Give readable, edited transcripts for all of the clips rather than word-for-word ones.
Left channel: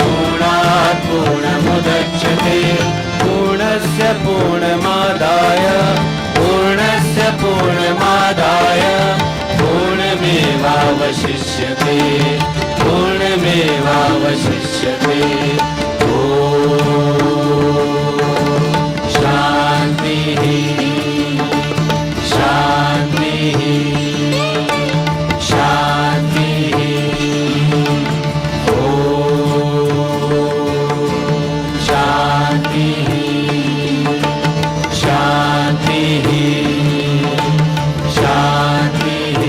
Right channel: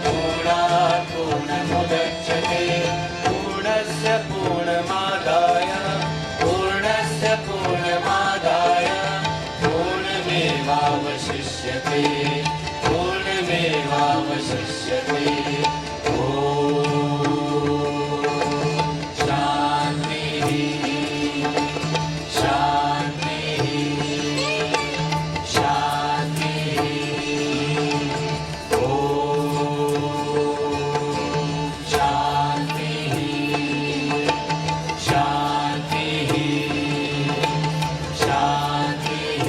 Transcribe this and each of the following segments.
पूर्णात् पूर्णमुदच्यते पूर्णस्य पूर्णमादाय पूर्णमेवावशिष्यते पूर्णमेवावशिष्यते शान्तिः शान्तिः शान्तिः शान्तिः शान्तिः शान्तिः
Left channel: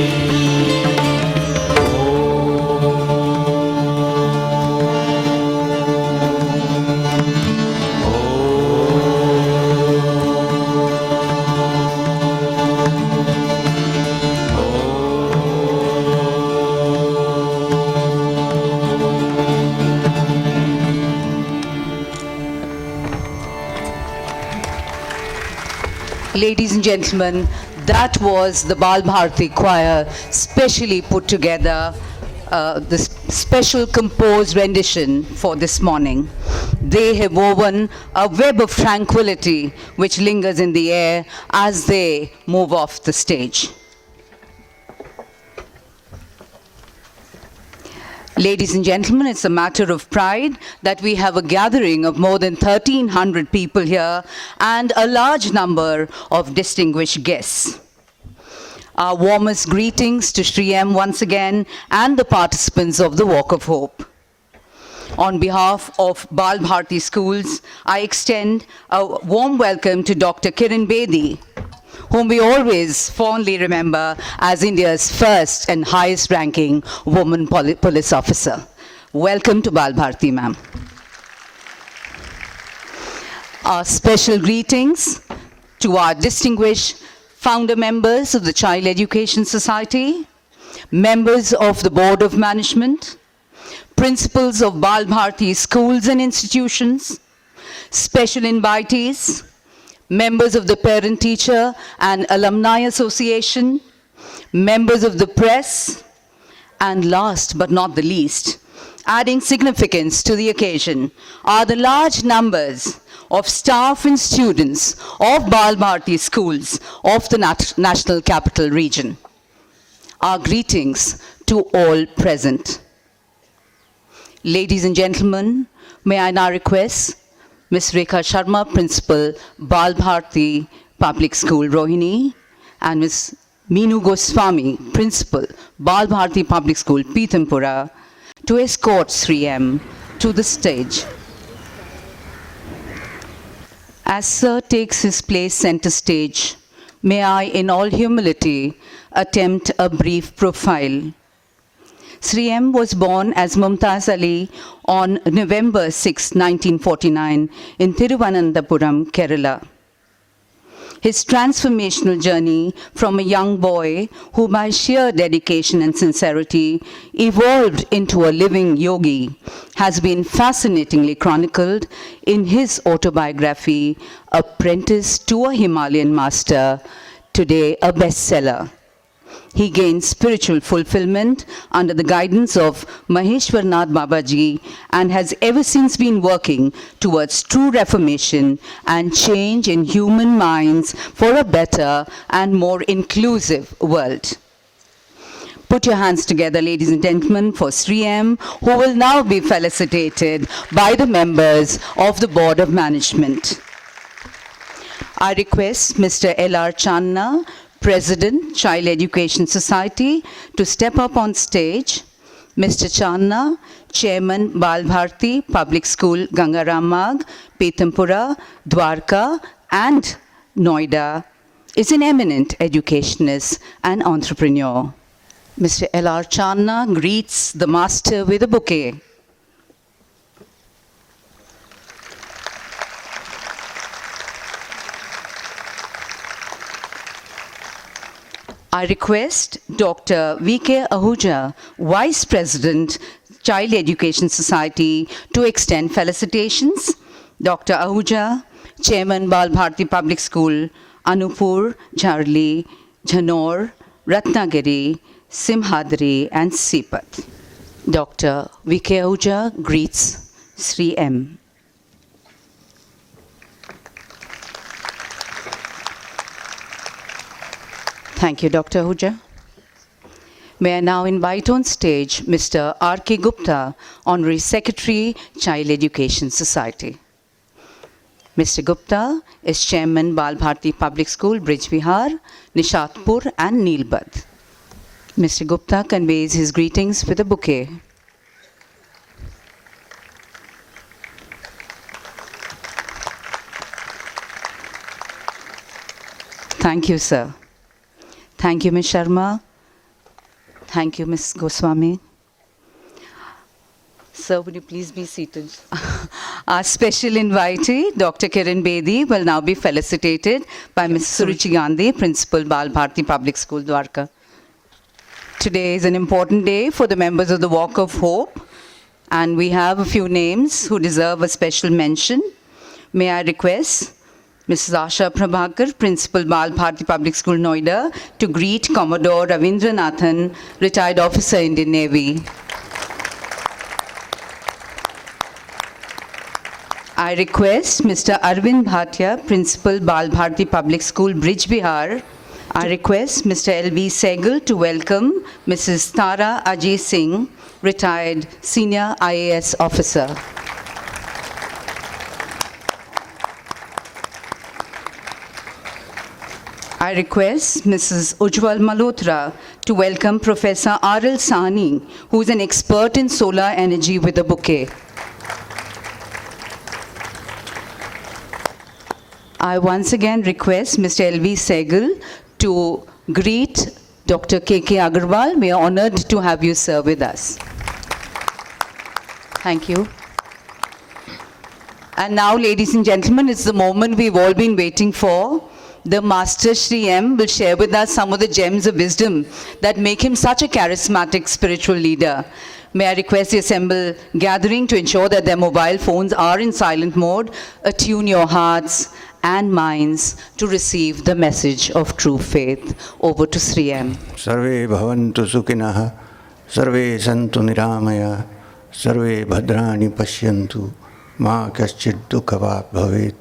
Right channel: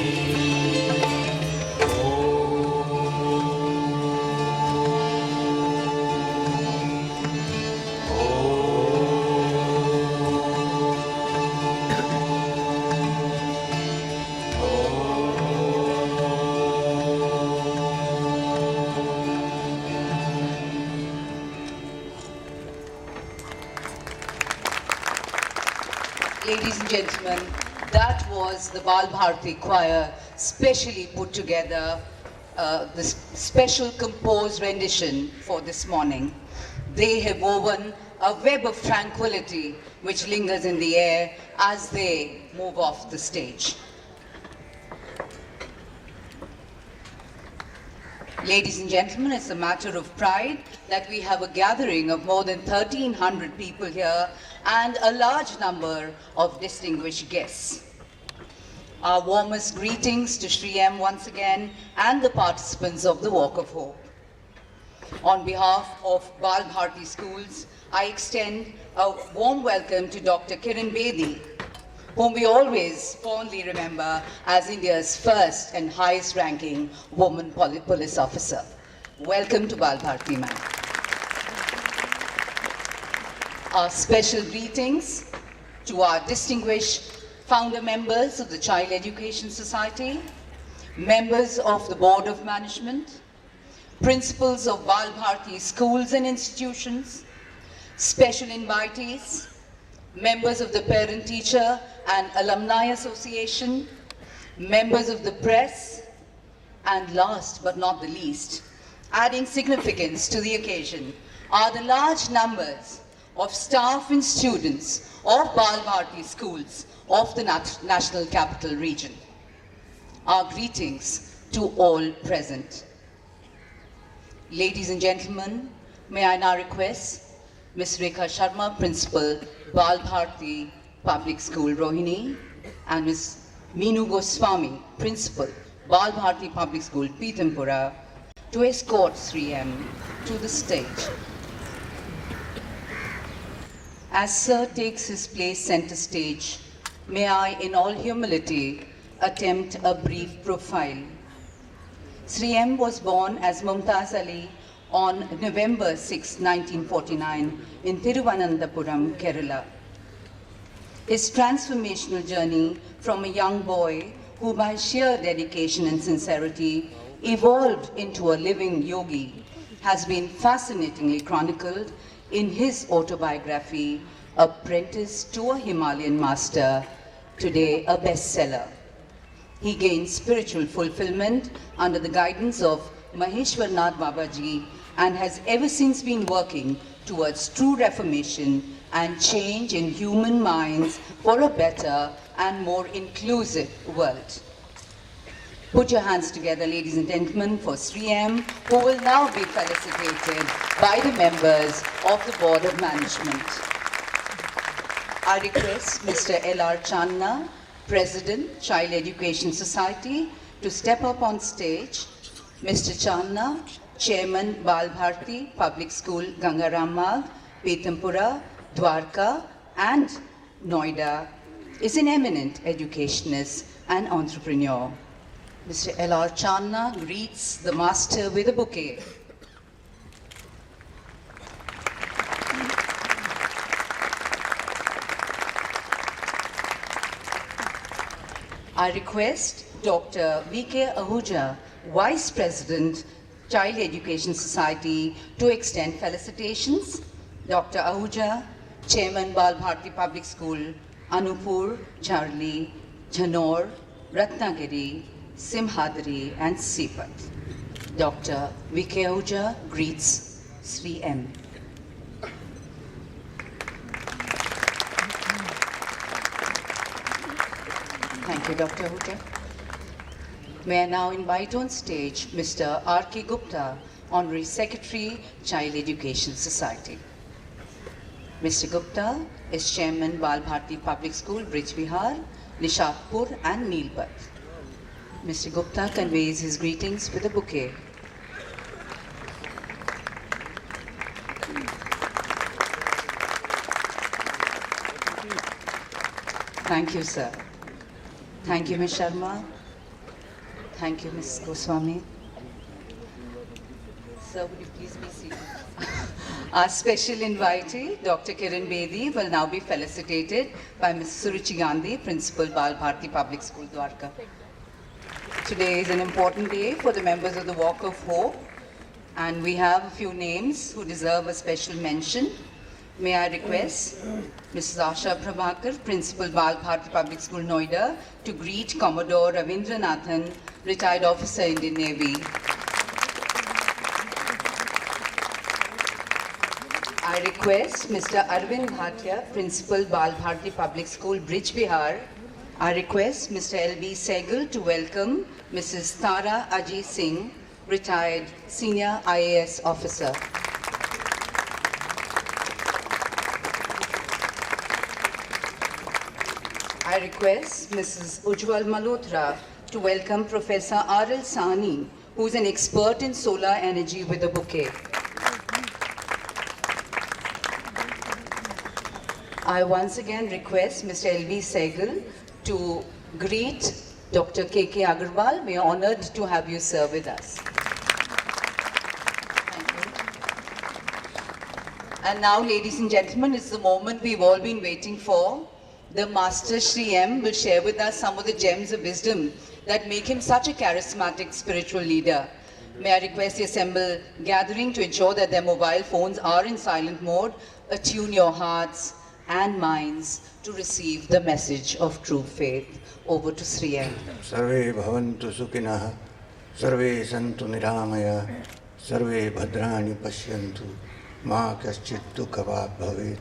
Ladies and gentlemen, that was the Bal Bharati Choir specially put together, this special composed rendition for this morning. They have woven a web of tranquility which lingers in the air as they move off the stage. Ladies and gentlemen, it's a matter of pride that we have a gathering of more than 1,300 people here and a large number of distinguished guests. Our warmest greetings to Sri M once again and the participants of the Walk of Hope. On behalf of Bal Bharati Schools, I extend a warm welcome to Dr. Kiran Bedi, whom we always fondly remember as India's first and highest ranking woman police officer. Welcome to Bal Bharati, ma'am. Our special greetings to our distinguished founder members of the Child Education Society, members of the Board of Management, principals of Bal Bharati schools and institutions, special invitees, members of the Parent-Teacher and Alumni Association, members of the press, and last but not the least, adding significance to the occasion, are the large numbers of staff and students of Bal Bharati schools of the National Capital Region. Our greetings to all present. Ladies and gentlemen, may I now request Ms. Rekha Sharma, Principal, Bal Bharati Public School, Rohini, and Ms. Meenu Goswami, Principal, Bal Bharati Public School, Pitampura, to escort Sri M to the stage. As Sir takes his place center stage, may I, in all humility, attempt a brief profile. Sri M was born as Mumtaz Ali on November 6, 1949 in Thiruvananthapuram, Kerala. His transformational journey from a young boy who by sheer dedication and sincerity evolved into a living yogi has been fascinatingly chronicled in his autobiography, Apprentice to a Himalayan Master, today a bestseller. He gained spiritual fulfillment under the guidance of Maheshwarnath Babaji and has ever since been working towards true reformation and change in human minds for a better and more inclusive world. Put your hands together, ladies and gentlemen, for Sri M, who will now be felicitated by the members of the Board of Management. I request Mr. L.R. Channa, President, Child Education Society, to step up on stage. Mr. Channa, Chairman, Bal Bharati Public School, Gangaram Magh, Pitampura, Dwarka, and Noida, is an eminent educationist and entrepreneur. Mr. L.R. Channa greets the master with a bouquet. I request Dr. V.K. Ahuja, Vice President, Child Education Society, to extend felicitations. Dr. Ahuja, Chairman, Bal Bharati Public School, Anupur, Jharli, Jhanor, Ratnagiri, Simhadri, and Sipat. Dr. V.K. Ahuja greets Sri M. Thank you, Dr. Ahuja. May I now invite on stage Mr. R.K. Gupta, Honorary Secretary, Child Education Society. Mr. Gupta is Chairman Bal Bharti Public School, Brij Vihar, Nishatpur and Neelbad. Mr. Gupta conveys his greetings with a bouquet. Thank you, sir. Thank you, Ms. Sharma. Thank you, Ms. Goswami. Sir, would you please be seated? Our special invitee, Dr. Kiran Bedi, will now be felicitated by Ms. Suruchi Gandhi, Principal, Bal Bharti Public School, Dwarka. Today is an important day for the members of the Walk of Hope, and we have a few names who deserve a special mention. May I request Mrs. Asha Prabhakar, Principal, Bal Bharti Public School, Noida, to greet Commodore Ravindranathan, retired officer, Indian Navy. I request Mr. Arvind Bhatia, Principal, Bal Bharti Public School, Brij Vihar. I request Mr. L.V. Sehgal to welcome Mrs. Tara Ajay Singh, retired Senior IAS Officer. I request Mrs. Ujjwal Malhotra to welcome Professor R.L. Sahni, who is an expert in solar energy, with a bouquet. I once again request Mr. L.V. Sehgal to greet Dr. K.K. Agarwal. We are honored to have you, sir, with us. Thank you. And now, ladies and gentlemen, it's the moment we've all been waiting for. The Master Sri M will share with us some of the gems of wisdom that make him such a charismatic spiritual leader. May I request the assembled gathering to ensure that their mobile phones are in silent mode. Attune your hearts and minds to receive the message of true faith. Over to Sri M. Sarve bhavantu sukhinah, sarve santu niramaya, sarve bhadrani pashyantu, ma kaschid dukkha bhavet,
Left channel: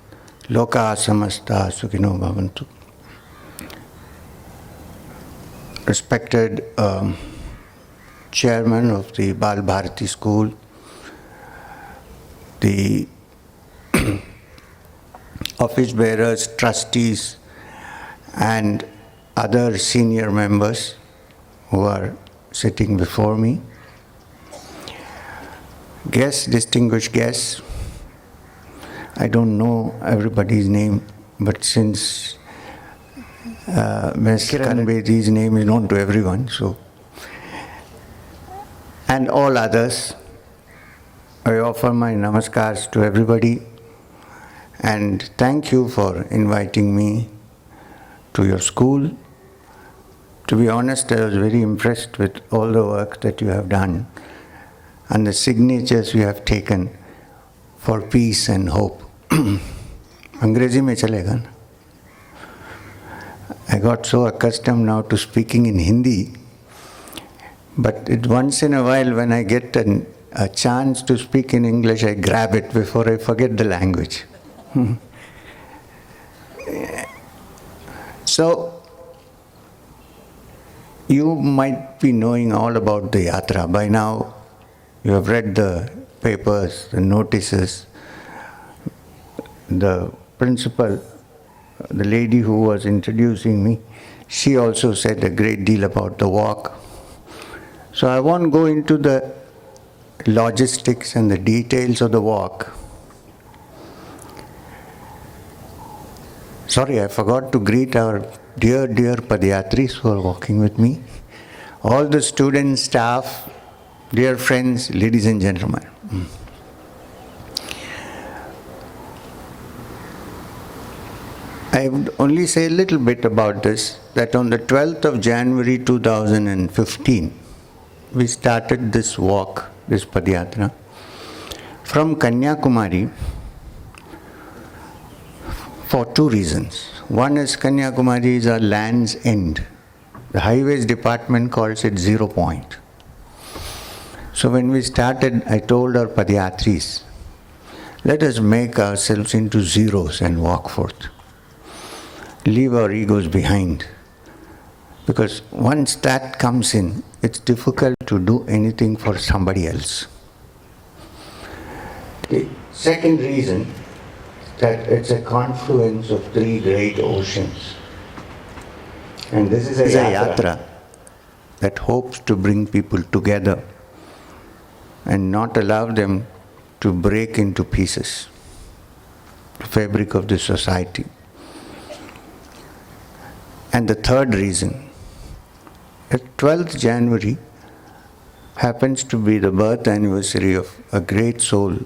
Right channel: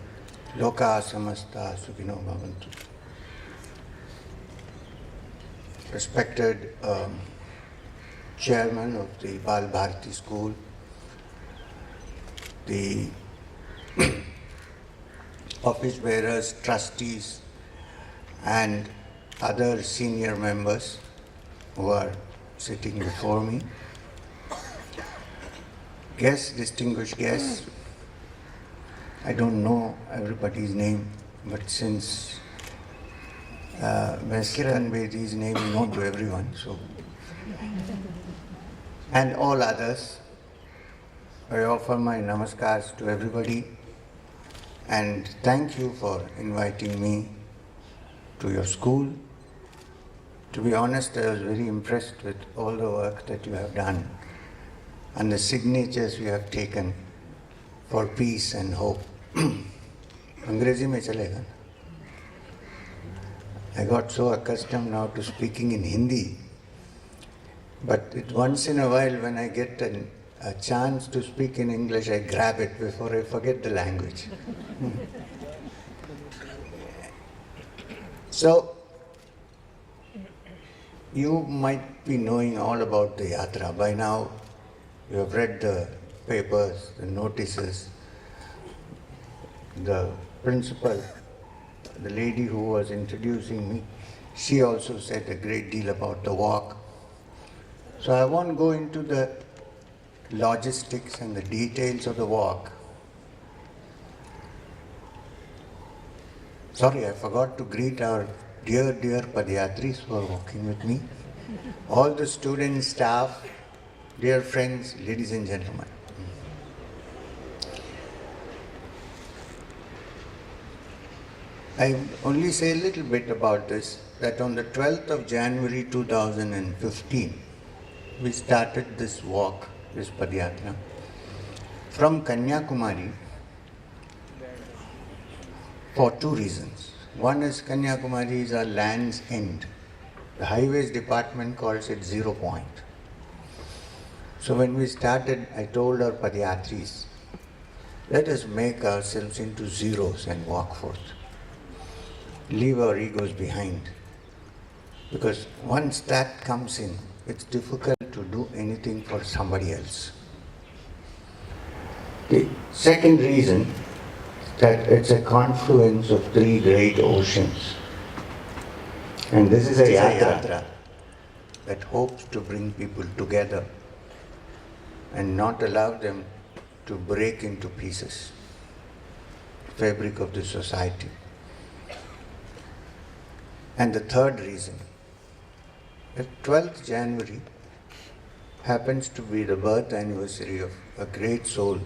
loka samasta sukhino bhavantu. Respected Chairman of the Bal Bharti School, the office bearers, trustees, and other senior members who are sitting before me, guests, distinguished guests. I don't know everybody's name, but since Ms. Kiran Bedi's name is known to everyone, so, and all others, I offer my namaskars to everybody. And thank you for inviting me to your school. To be honest, I was very impressed with all the work that you have done and the signatures you have taken for peace and hope. Angrezi mein chalega na? I got so accustomed now to speaking in Hindi, but once in a while when I get a chance to speak in English, I grab it before I forget the language. So, you might be knowing all about the yatra. By now, you have read the papers, the notices. The principal, the lady who was introducing me, she also said a great deal about the walk. So I won't go into the logistics and the details of the walk. Sorry, I forgot to greet our dear Padayatris who are walking with me, all the students, staff, dear friends, ladies and gentlemen. I would only say a little bit about this, that on the 12th of January 2015, we started this walk, this Padayatra, from Kanyakumari for two reasons. One is Kanyakumari is our land's end. The Highways Department calls it 0 point. So when we started, I told our Padayatris, let us make ourselves into zeros and walk forth. Leave our egos behind. Because once that comes in, it's difficult to do anything for somebody else. The second reason, that it's a confluence of three great oceans. And this is a yatra that hopes to bring people together and not allow them to break into pieces, the fabric of the society. And the third reason, that 12th January happens to be the birth anniversary of a great soul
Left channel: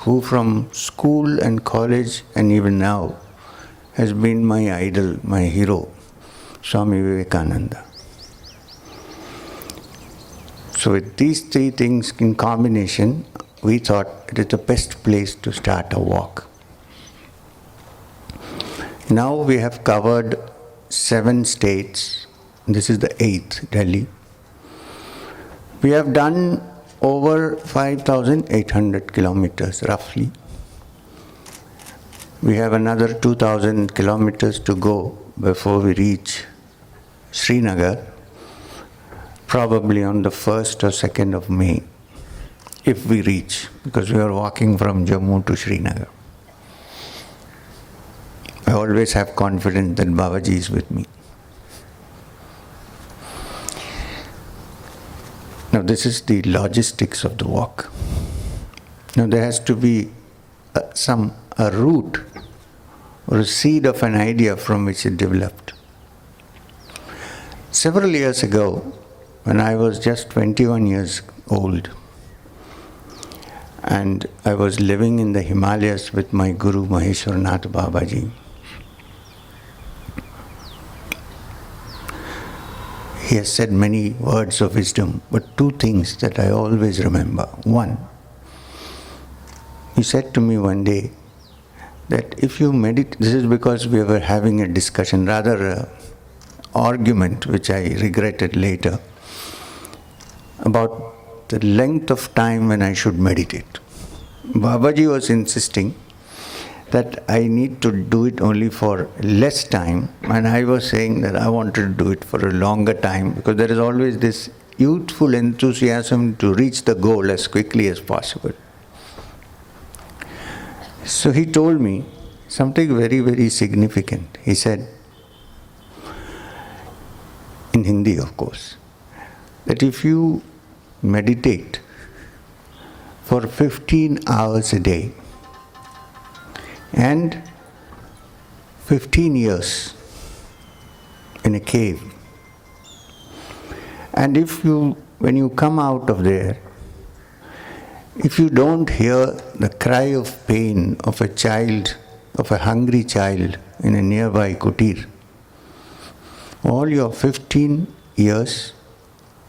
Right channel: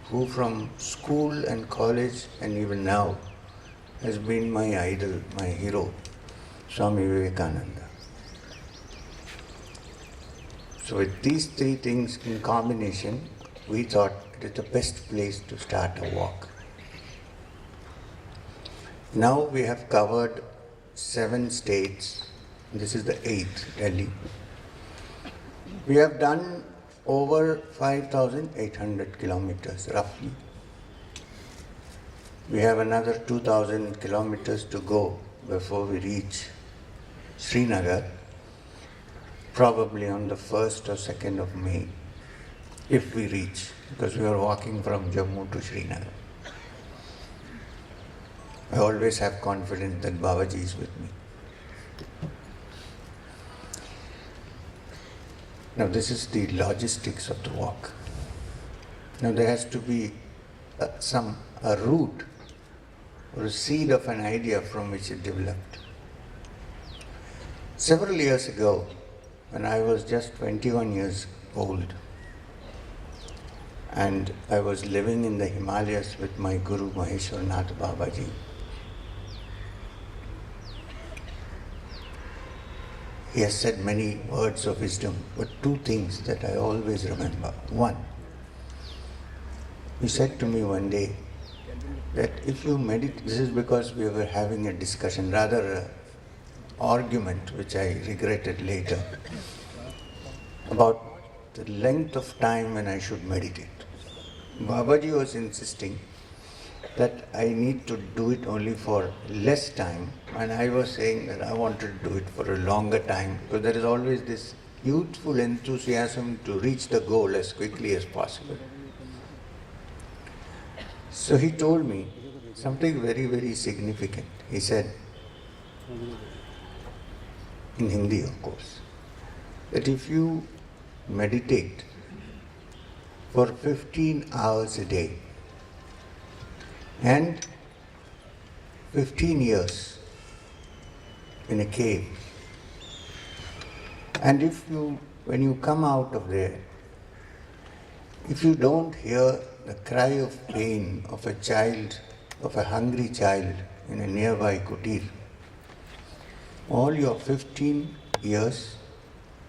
who from school and college and even now has been my idol, my hero, Swami Vivekananda. So with these three things in combination, we thought it is the best place to start a walk. Now we have covered 7 states. This is the 8th, Delhi. We have done over 5,800 kilometers roughly. We have another 2,000 kilometers to go before we reach Srinagar, probably on the 1st or 2nd of May, if we reach, because we are walking from Jammu to Srinagar. I always have confidence that Babaji is with me. Now this is the logistics of the walk. Now there has to be a root or a seed of an idea from which it developed. Several years ago, when I was just 21 years old, and I was living in the Himalayas with my Guru Maheshwarnath Babaji, he has said many words of wisdom, but 2 things that I always remember. One, he said to me one day that if you meditate, this is because we were having a discussion, rather an argument which I regretted later, about the length of time when I should meditate. Babaji was insisting that I need to do it only for less time, and I was saying that I wanted to do it for a longer time, because there is always this youthful enthusiasm to reach the goal as quickly as possible. So he told me something very, very significant. He said, in Hindi of course, that if you meditate for 15 hours a day, and 15 years in a cave, and when you come out of there, if you don't hear the cry of pain of a child, of a hungry child in a nearby kutir, all your 15 years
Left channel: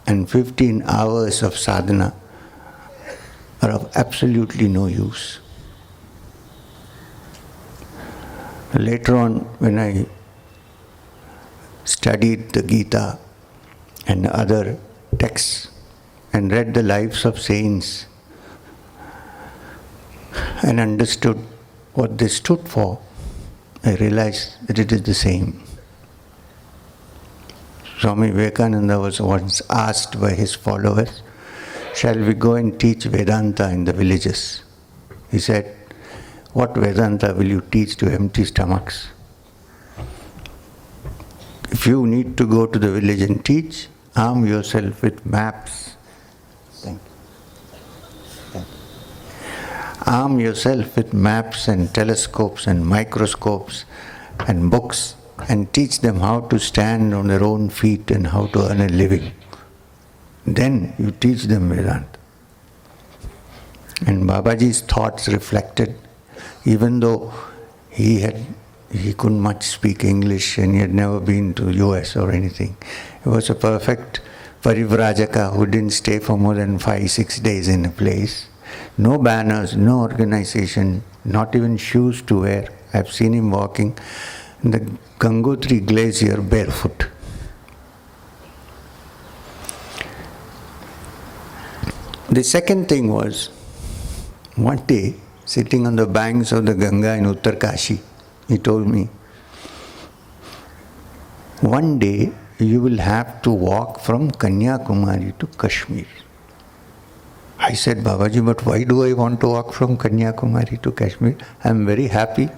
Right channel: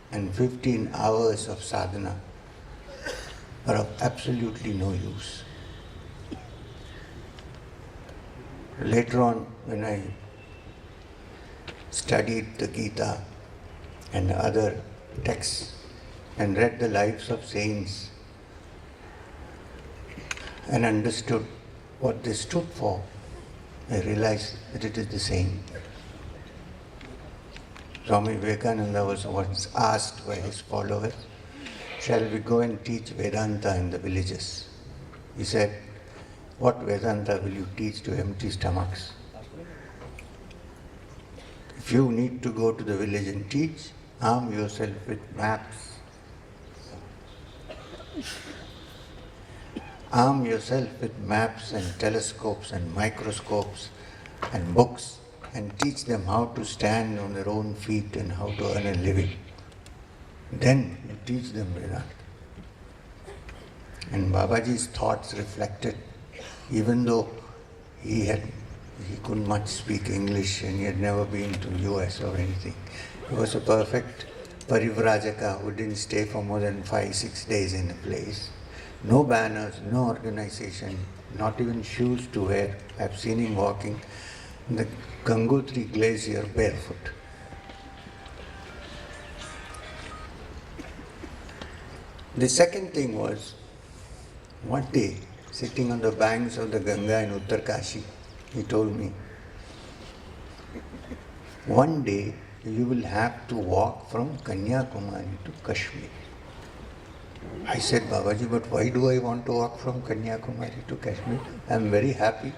and 15 hours of sadhana are of absolutely no use. Later on, when I studied the Gita and other texts and read the lives of saints and understood what they stood for, I realized that it is the same. Swami Vivekananda was once asked by his followers, shall we go and teach Vedanta in the villages? He said, what Vedanta will you teach to empty stomachs? If you need to go to the village and teach, arm yourself with maps. Arm yourself with maps and telescopes and microscopes and books, and teach them how to stand on their own feet and how to earn a living. Then you teach them Vedanta. And Babaji's thoughts reflected, even though he couldn't much speak English and he had never been to US or anything. He was a perfect parivrajaka who didn't stay for more than 5-6 days in a place. No banners, no organization, not even shoes to wear. I've seen him walking in the Gangotri glacier barefoot. The second thing was, one day, sitting on the banks of the Ganga in Uttarkashi, he told me, one day you will have to walk from Kanyakumari to Kashmir. I said, Babaji, but why do I want to walk from Kanyakumari to Kashmir? I am very happy.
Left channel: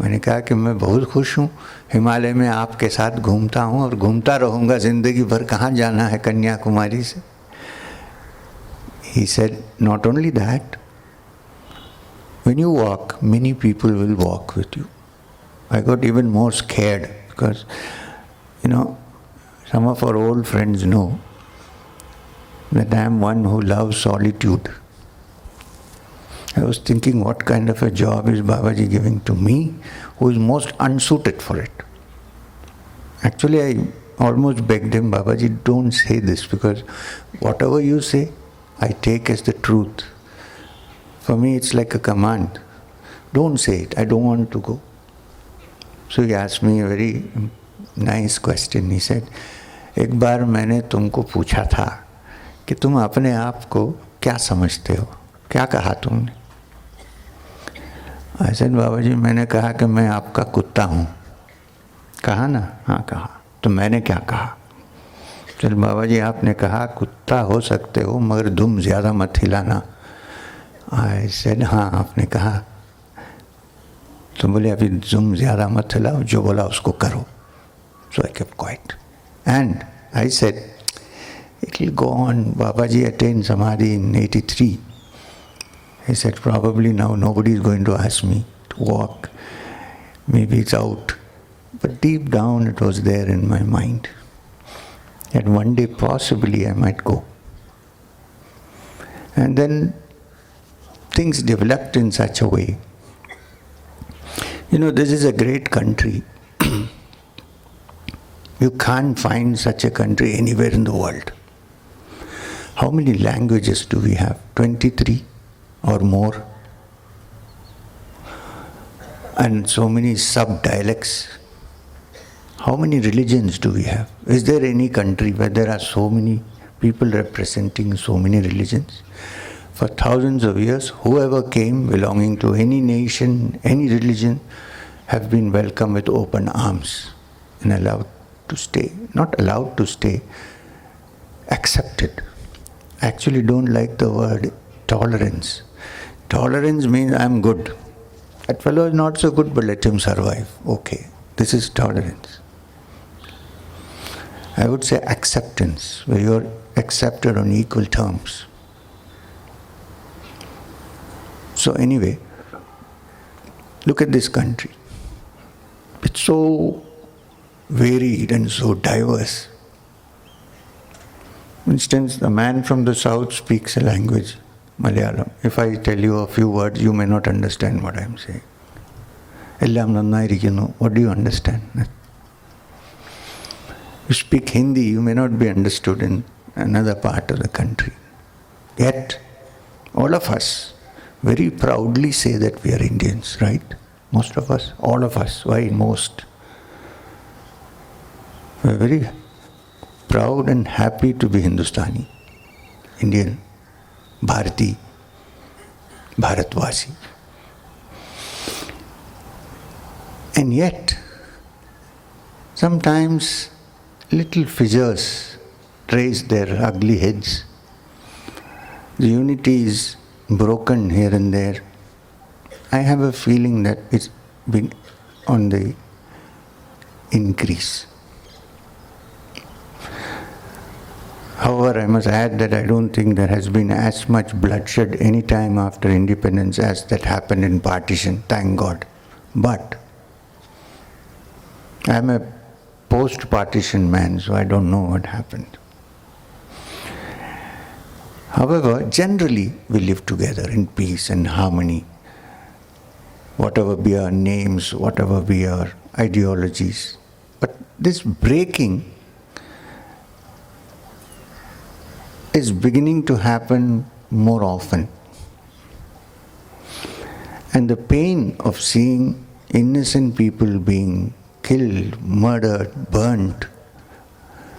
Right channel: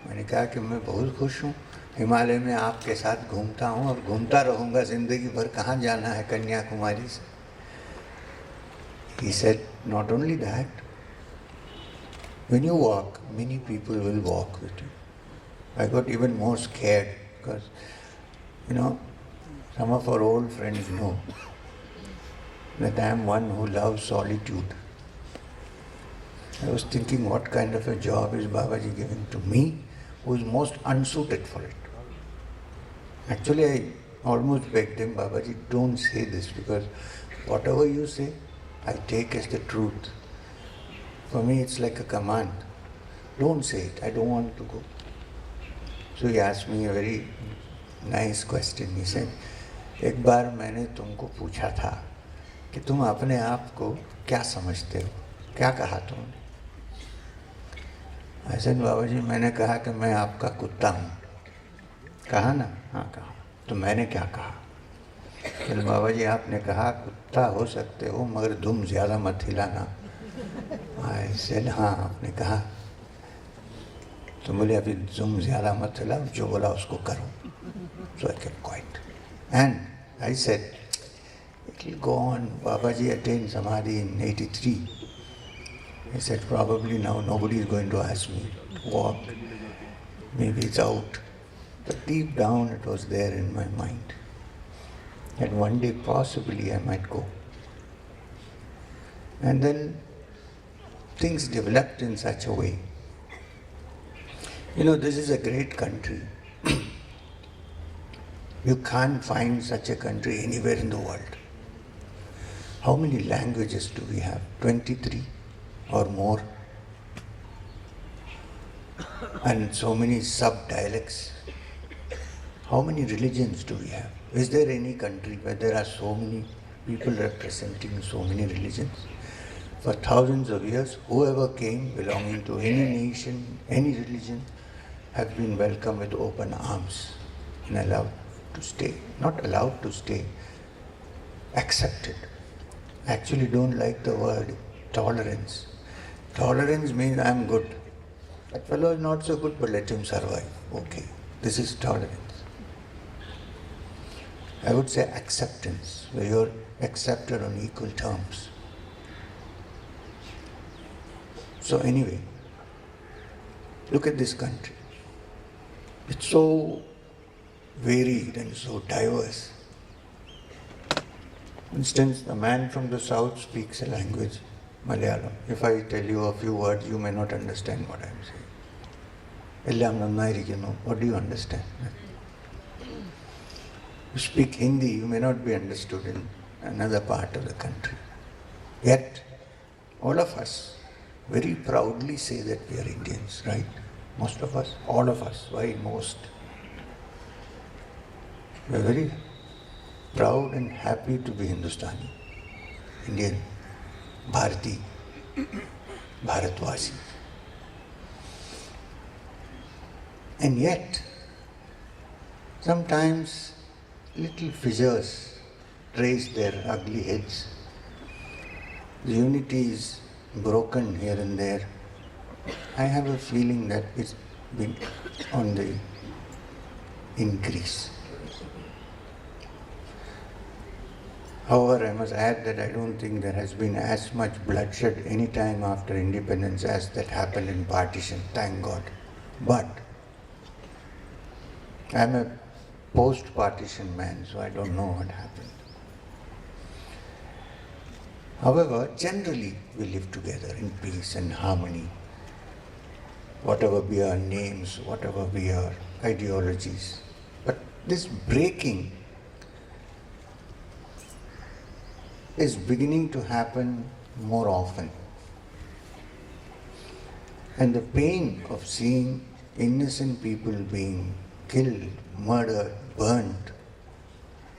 मैंने कहा कि मैं बहुत खुश हूँ, हिमालय में आपके साथ घूमता हूँ और घूमता रहूँगा ज़िंदगी भर, कहाँ जाना है कन्याकुमारी से. He said, not only that, when you walk, many people will walk with you. I got even more scared because, some of our old friends know that I am one who loves solitude. I was thinking, what kind of a job is Babaji giving to me, who is most unsuited for it? Actually, I almost begged him, Babaji, don't say this, because whatever you say, I take as the truth. For me, it's like a command. Don't say it, I don't want to go. So he asked me a very nice question. He said, एक बार मैंने तुमको पूछा था कि तुम अपने आप को क्या समझते हो, क्या कहा तुमने? ऐसे बाबाजी मैंने कहा कि मैं आपका कुत्ता हूँ. कहा ना? हाँ कहा. तो मैंने क्या कहा? चल बाबाजी आपने कहा कुत्ता हो सकते हो मगर दुम ज़्यादा मत हिलाना. ऐसे हाँ आपने कहा. तो बोले अभी दुम ज़्यादा मत हिलाओ, जो बोला उसको करो. So I kept quiet. And I said, it will go on. Babaji attained Samadhi in 83. He said, probably now nobody is going to ask me to walk. Maybe it's out. But deep down it was there in my mind. And one day possibly I might go. And then things developed in such a way. This is a great country. You can't find such a country anywhere in the world. How many languages do we have? 23 or more? And so many sub-dialects. How many religions do we have? Is there any country where there are so many people representing so many religions? For thousands of years, whoever came belonging to any nation, any religion, have been welcomed with open arms and allowed to stay. Not allowed to stay, accepted. I actually don't like the word tolerance. Tolerance means I'm good. That fellow is not so good, but let him survive. Okay, this is tolerance. I would say acceptance, where you're accepted on equal terms. So anyway, look at this country. It's so varied and so diverse. For instance, the man from the south speaks a language, Malayalam. If I tell you a few words, you may not understand what I am saying. Ellam nannayirikkunnu. What do you understand? You speak Hindi, you may not be understood in another part of the country. Yet, all of us very proudly say that we are Indians, right? Most of us, all of us. Why most? We are very proud and happy to be Hindustani, Indian, Bharati, Bharatvasi. And yet, sometimes little fissures raise their ugly heads. The unity is broken here and there. I have a feeling that it's been on the increase. However, I must add that I don't think there has been as much bloodshed any time after independence as that happened in partition, thank God. But I am a post-partition man, so I don't know what happened. However, generally we live together in peace and harmony, whatever be our names, whatever be our ideologies. But this breaking is beginning to happen more often. And the pain of seeing innocent people being killed, murdered, burnt,